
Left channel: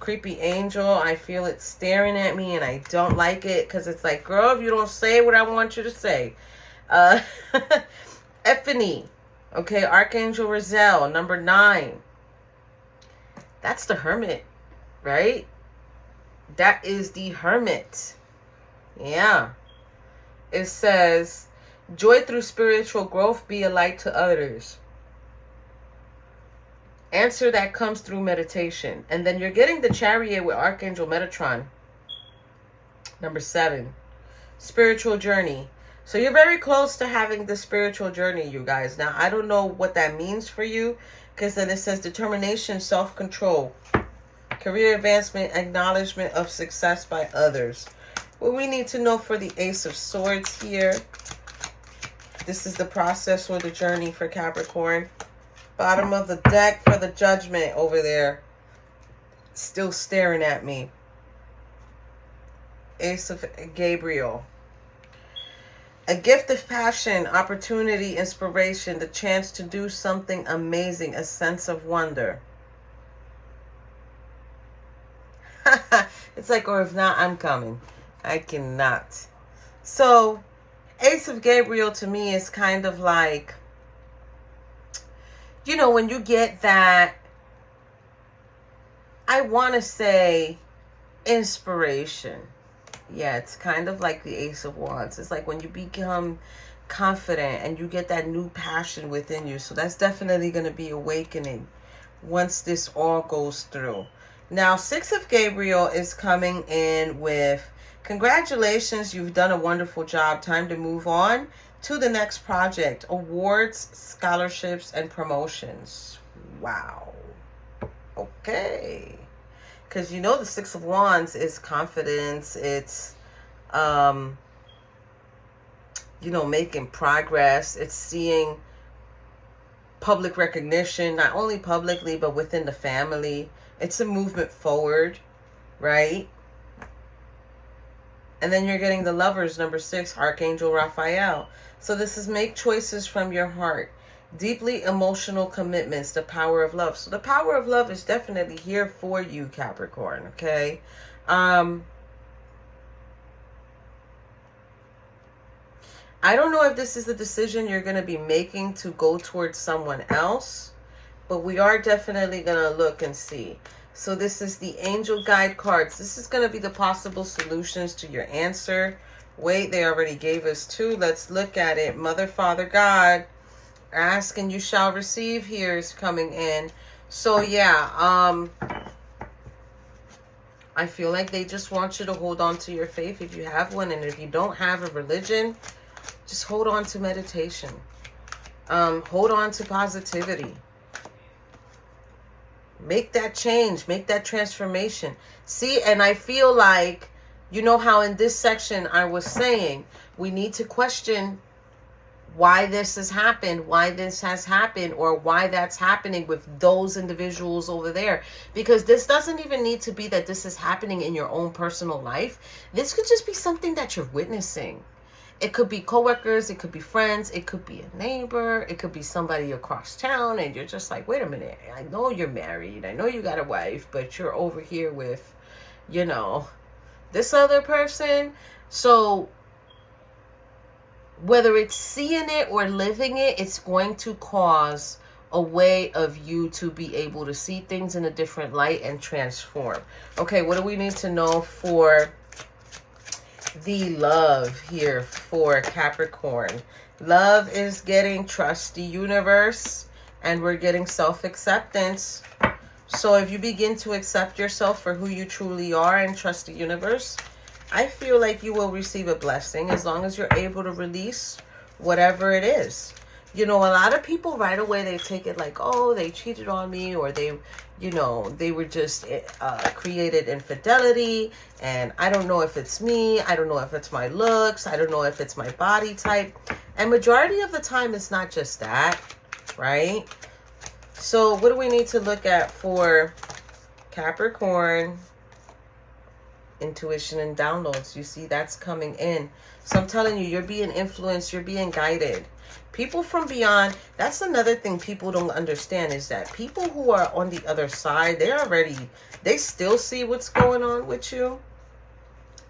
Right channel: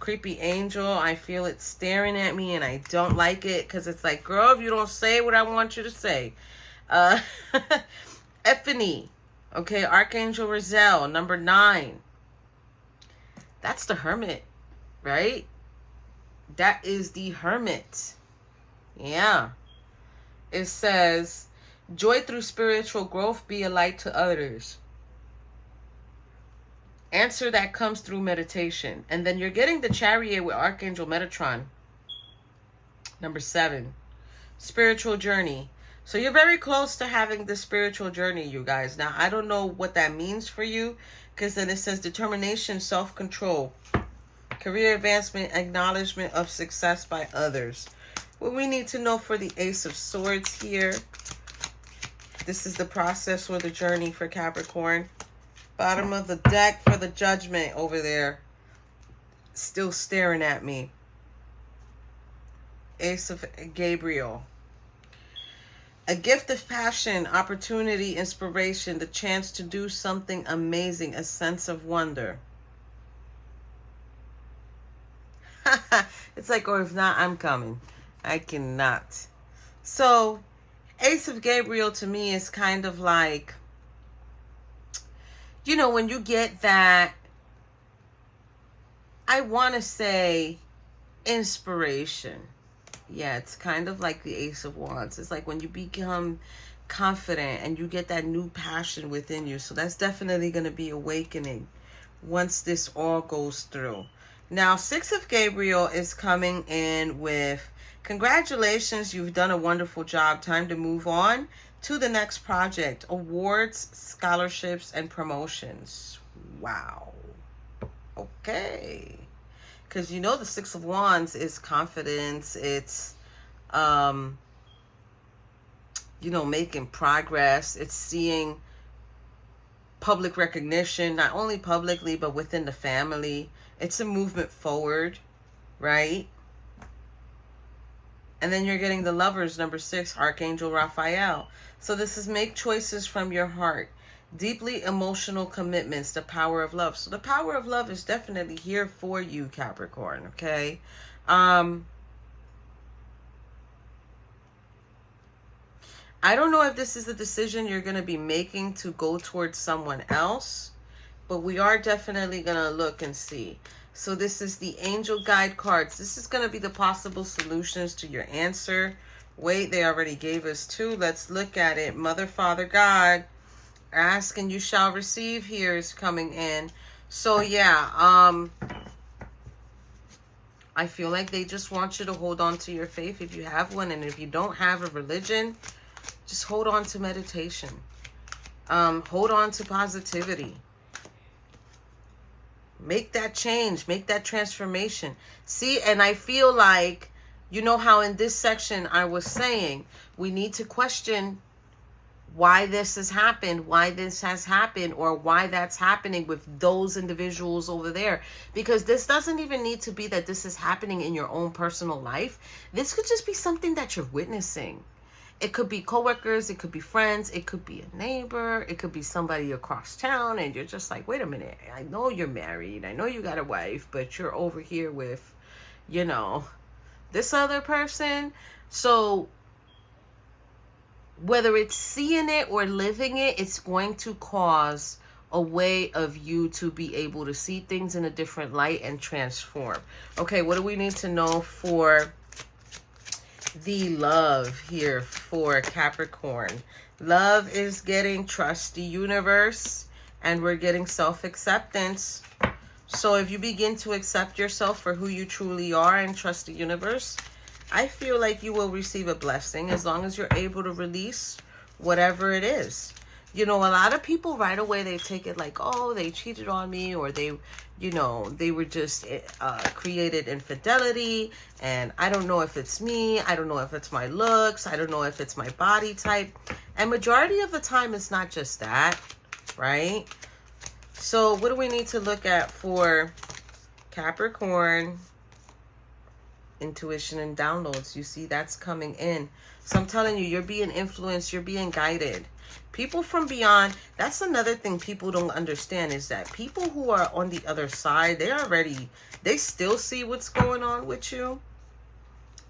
Creepy angel, I feel it staring at me and I don't like it because it's like, girl, if you don't say what I want you to say. Epiphany. Okay, Archangel Raziel, number 9. That's the Hermit, right? That is the Hermit. Yeah. It says, joy through spiritual growth, be a light to others. Answer that comes through meditation. And then you're getting the Chariot with Archangel Metatron. Number 7. Spiritual journey. So you're very close to having the spiritual journey, you guys. Now, I don't know what that means for you, because then it says determination, self-control, career advancement, acknowledgement of success by others. What we need to know for the Ace of Swords here. This is the process or the journey for Capricorn. Bottom of the deck for the Judgment over there. Still staring at me. Ace of Gabriel. A gift of passion, opportunity, inspiration, the chance to do something amazing, a sense of wonder. It's like, or if not, I'm coming. I cannot. So, Ace of Gabriel to me is kind of like, you know, when you get that, I want to say inspiration. Yeah, it's kind of like the Ace of Wands. It's like when you become confident and you get that new passion within you. So that's definitely going to be awakening once this all goes through. Now, 6 of Gabriel is coming in with, congratulations, you've done a wonderful job. Time to move on to the next project. Awards, scholarships, and promotions. Wow. Okay. Because you know the 6 of Wands is confidence. It's, you know, making progress. It's seeing public recognition, not only publicly, but within the family. It's a movement forward, right? And then you're getting the Lovers, number 6, Archangel Raphael. So this is make choices from your heart. Deeply emotional commitments, the power of love. So the power of love is definitely here for you, Capricorn, okay? I don't know if this is the decision you're going to be making to go towards someone else, but we are definitely going to look and see. So this is the angel guide cards. This is going to be the possible solutions to your answer. Wait, they already gave us 2. Let's look at it. Mother, Father, God, ask and you shall receive here is coming in. So yeah, I feel like they just want you to hold on to your faith if you have one. And if you don't have a religion, just hold on to meditation. Hold on to positivity. Make that change. Make that transformation. See, and I feel like, you know how in this section I was saying, we need to question why this has happened, or why that's happening with those individuals over there. Because this doesn't even need to be that this is happening in your own personal life. This could just be something that you're witnessing. It could be coworkers, it could be friends, it could be a neighbor, it could be somebody across town, and you're just like, wait a minute, I know you're married, I know you got a wife, but you're over here with, you know, this other person. So whether it's seeing it or living it, it's going to cause a way of you to be able to see things in a different light and transform. Okay, what do we need to know for the love here for Capricorn? Love is getting trust the universe, and we're getting self-acceptance. So if you begin to accept yourself for who you truly are and trust the universe, I feel like you will receive a blessing as long as you're able to release whatever it is. You know, a lot of people right away, they take it like, oh, they cheated on me, or they, you know, they were just created infidelity, and I don't know if it's me, I don't know if it's my looks, I don't know if it's my body type. And majority of the time, it's not just that, right? So what do we need to look at for Capricorn? Intuition and downloads. You see, that's coming in. So I'm telling you, you're being influenced, you're being guided. People from beyond, that's another thing people don't understand, is that people who are on the other side, they still see what's going on with you.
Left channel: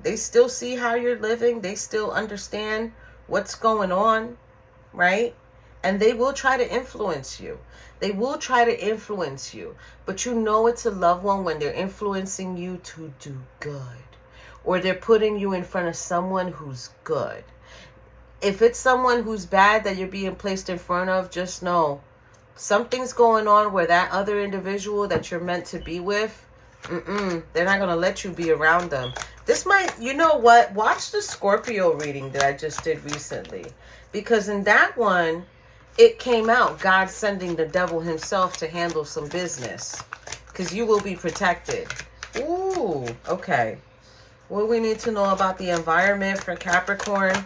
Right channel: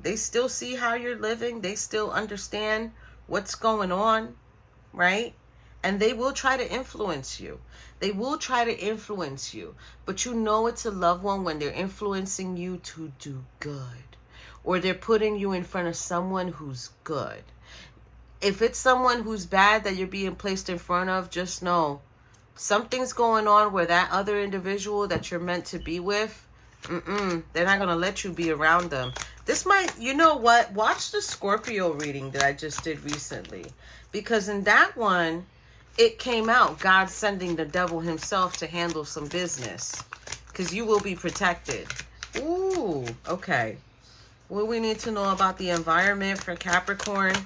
They still see how you're living. They still understand what's going on, right? And they will try to influence you. They will try to influence you. But you know it's a loved one when they're influencing you to do good, or they're putting you in front of someone who's good. If it's someone who's bad that you're being placed in front of, just know something's going on where that other individual that you're meant to be with, they're not going to let you be around them. This might, you know what? Watch the Scorpio reading that I just did recently. Because in that one, it came out God sending the devil himself to handle some business. Because you will be protected. Ooh, okay. What do we need to know about the environment for Capricorn?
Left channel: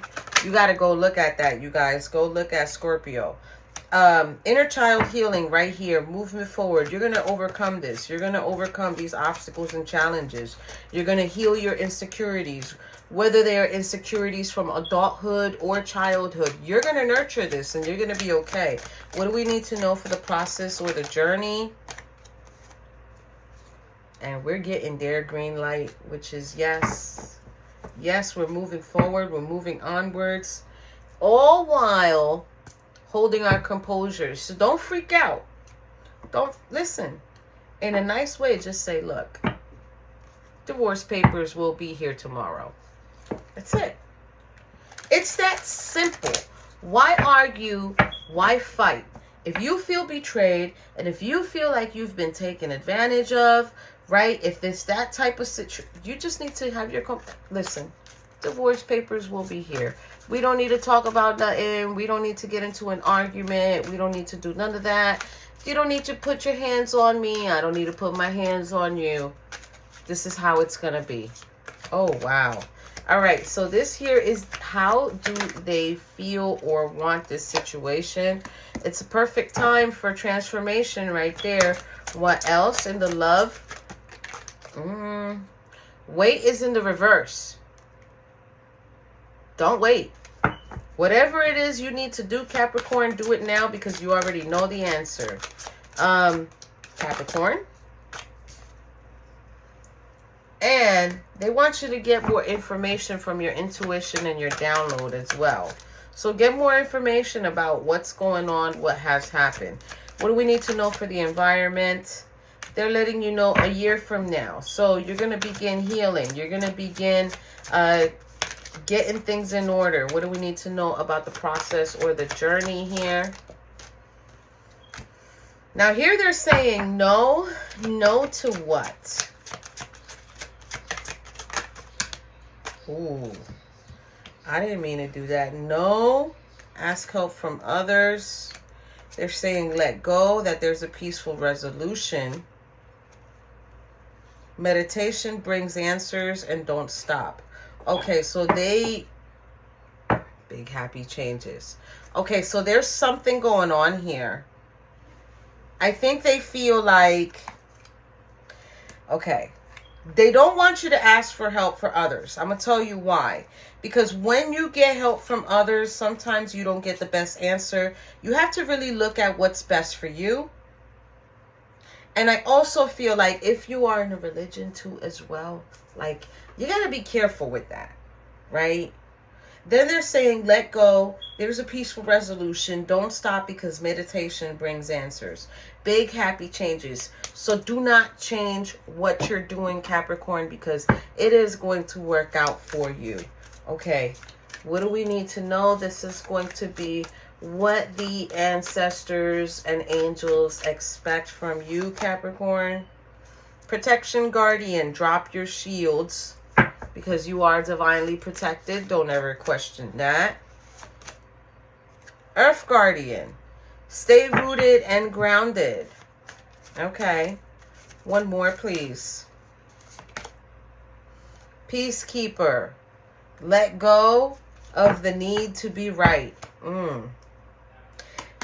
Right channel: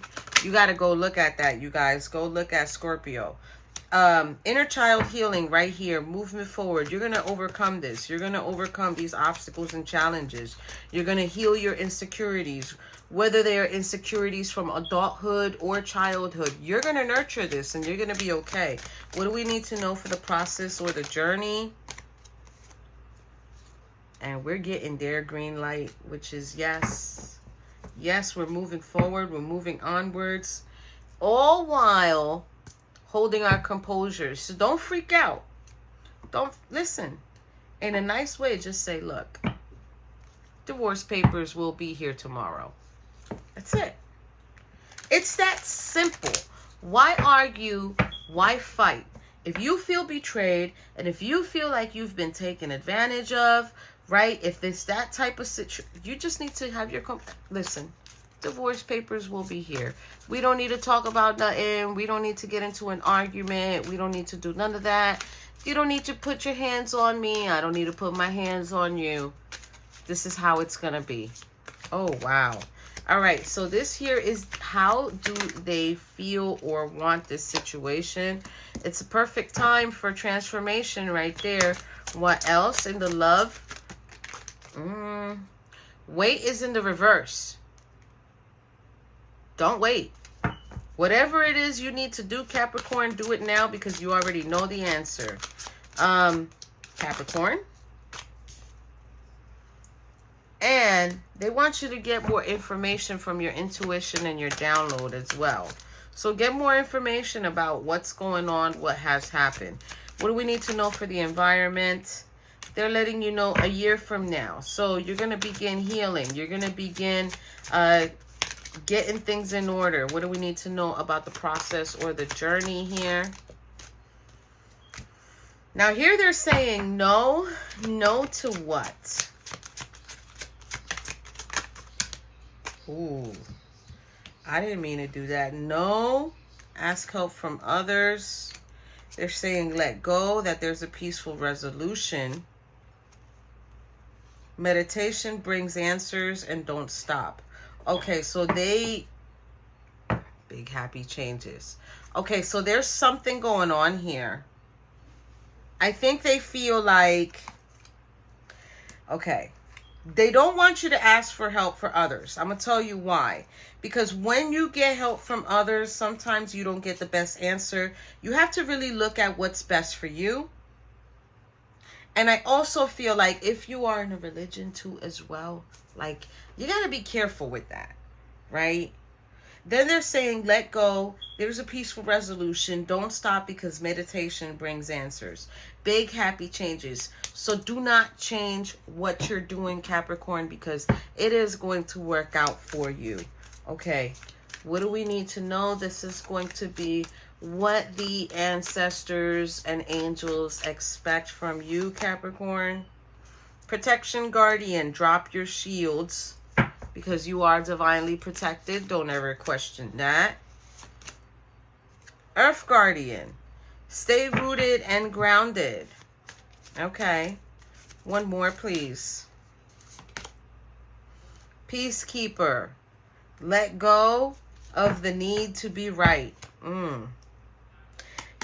You got to go look at that, you guys. Go look at Scorpio. Inner child healing right here. Movement forward. You're going to overcome this. You're going to overcome these obstacles and challenges. You're going to heal your insecurities. Whether they are insecurities from adulthood or childhood, you're going to nurture this and you're going to be okay. What do we need to know for the process or the journey? And we're getting their green light, which is yes. Yes, we're moving forward. We're moving onwards. All while holding our composure. So don't freak out. Don't listen. In a nice way, just say, look, divorce papers will be here tomorrow. That's it. It's that simple. Why argue? Why fight? If you feel betrayed and if you feel like you've been taken advantage of, right? If it's that type of situation, you just need to have your... Listen, divorce papers will be here. We don't need to talk about nothing. We don't need to get into an argument. We don't need to do none of that. You don't need to put your hands on me. I don't need to put my hands on you. This is how it's going to be. Oh, wow. All right. So this here is how do they feel or want this situation. It's a perfect time for transformation right there. What else in the love? Weight is in the reverse. Don't wait. Whatever it is you need to do, Capricorn, do it now because you already know the answer. Capricorn. And they want you to get more information from your intuition and your download as well. So get more information about what's going on, what has happened. What do we need to know for the environment? They're letting you know a year from now. So you're going to begin healing. You're going to begin getting things in order. What do we need to know about the process or the journey here? Now here they're saying no. No to what? Ooh, I didn't mean to do that. No, ask help from others. They're saying let go, that there's a peaceful resolution. Meditation brings answers and don't stop. Okay, so big happy changes. Okay, so there's something going on here. I think they feel like, okay, they don't want you to ask for help for others. I'm going to tell you why. Because when you get help from others, sometimes you don't get the best answer. You have to really look at what's best for you. And I also feel like if you are in a religion too as well, like you got to be careful with that, right? Then they're saying, let go. There's a peaceful resolution. Don't stop because meditation brings answers. Big happy changes. So do not change what you're doing, Capricorn, because it is going to work out for you. Okay. What do we need to know? This is going to be what the ancestors and angels expect from you, Capricorn. Protection guardian, drop your shields because you are divinely protected. Don't ever question that. Earth guardian, stay rooted and grounded. Okay. One more, please. Peacekeeper, let go of the need to be right.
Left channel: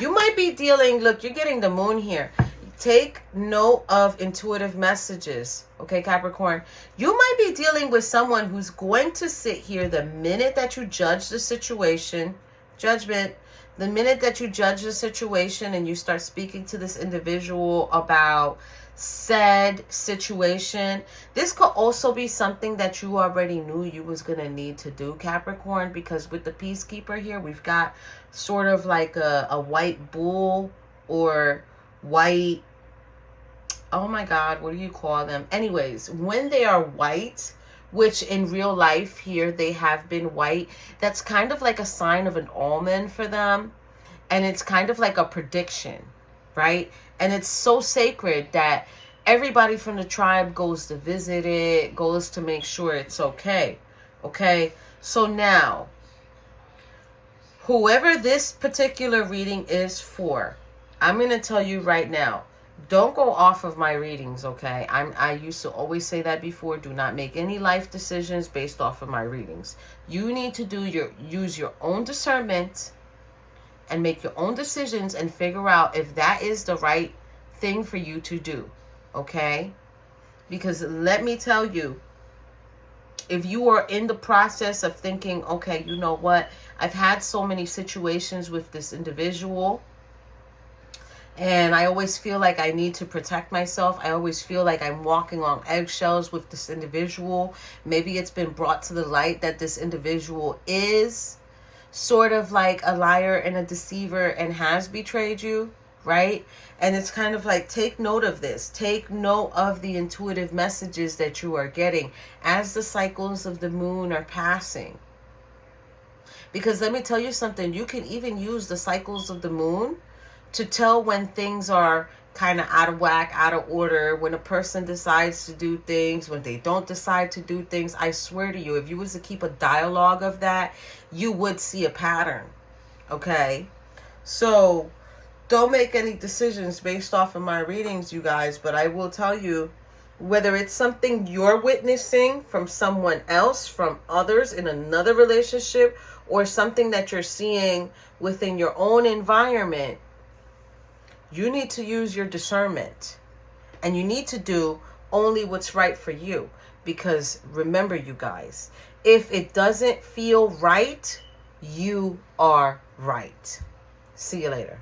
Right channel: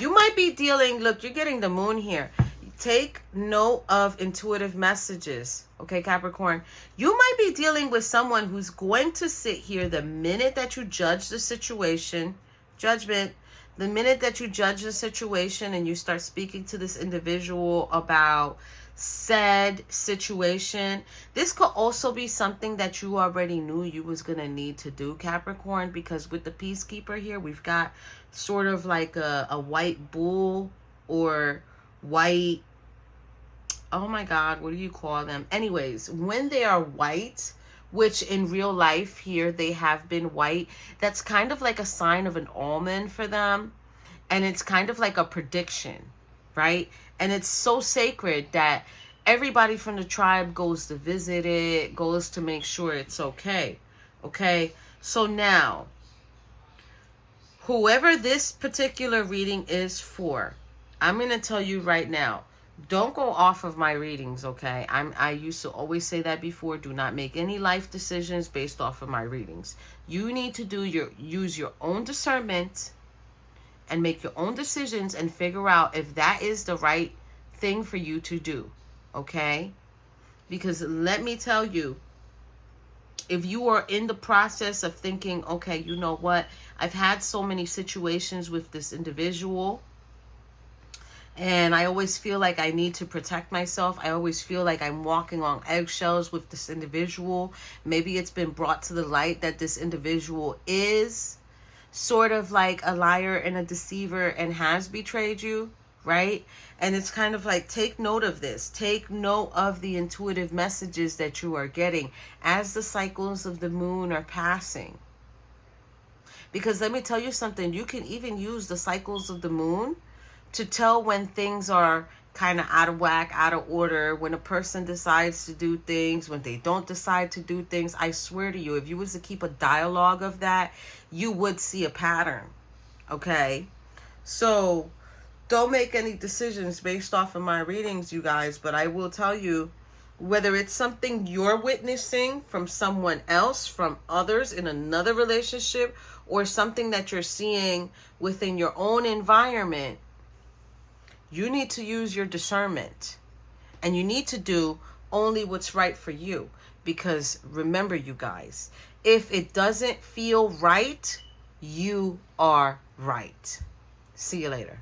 You might be dealing, look, you're getting the moon here. Take note of intuitive messages. Okay, Capricorn. You might be dealing with someone who's going to sit here the minute that you judge the situation. Judgment. The minute that you judge the situation and you start speaking to this individual about said situation, this could also be something that you already knew you was going to need to do, Capricorn, because with the Peacekeeper here, we've got sort of like a white bull or white, oh my God, what do you call them? Anyways, when they are white, which in real life here they have been white, that's kind of like a sign of an almond for them. And it's kind of like a prediction, right? And it's so sacred that everybody from the tribe goes to visit it, goes to make sure it's okay. Okay, so now, whoever this particular reading is for, I'm going to tell you right now, don't go off of my readings, okay? I used to always say that before. Do not make any life decisions based off of my readings. You need to use your own discernment and make your own decisions and figure out if that is the right thing for you to do, okay? Because let me tell you, if you are in the process of thinking, okay, you know what? I've had so many situations with this individual, and I always feel like I need to protect myself. I always feel like I'm walking on eggshells with this individual. Maybe it's been brought to the light that this individual is sort of like a liar and a deceiver and has betrayed you, right? And it's kind of like, take note of this. Take note of the intuitive messages that you are getting as the cycles of the moon are passing. Because let me tell you something, you can even use the cycles of the moon to tell when things are kind of out of whack, out of order, when a person decides to do things, when they don't decide to do things. I swear to you, if you was to keep a dialogue of that, you would see a pattern, okay? So don't make any decisions based off of my readings, you guys, but I will tell you, whether it's something you're witnessing from someone else, from others in another relationship, or something that you're seeing within your own environment, you need to use your discernment, and you need to do only what's right for you. Because remember, you guys, if it doesn't feel right, you are right. See you later.